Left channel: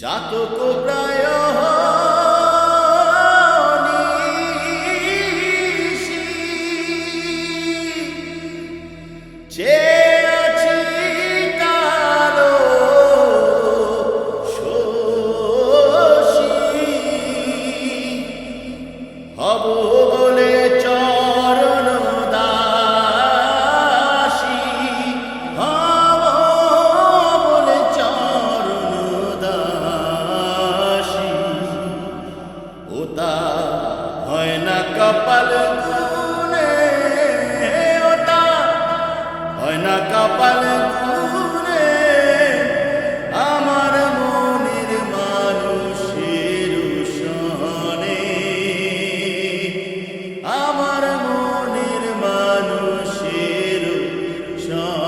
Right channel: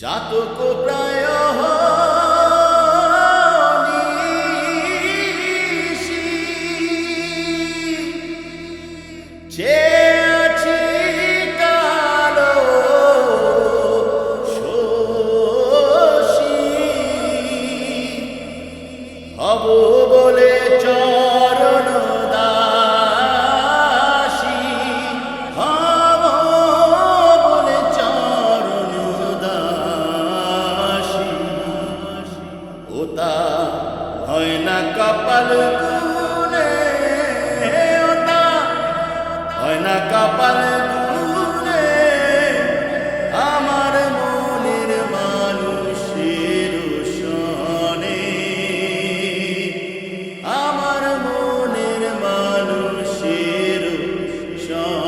জাতক প্রায় চেয়ে আছি কালো শোষী। হব বলে চরণ ওতা হয় না কপাল গুনে ওতা হয় না কপাল গুনে আমার মনের মানুষের শনে আমার মনের মানুষের সনে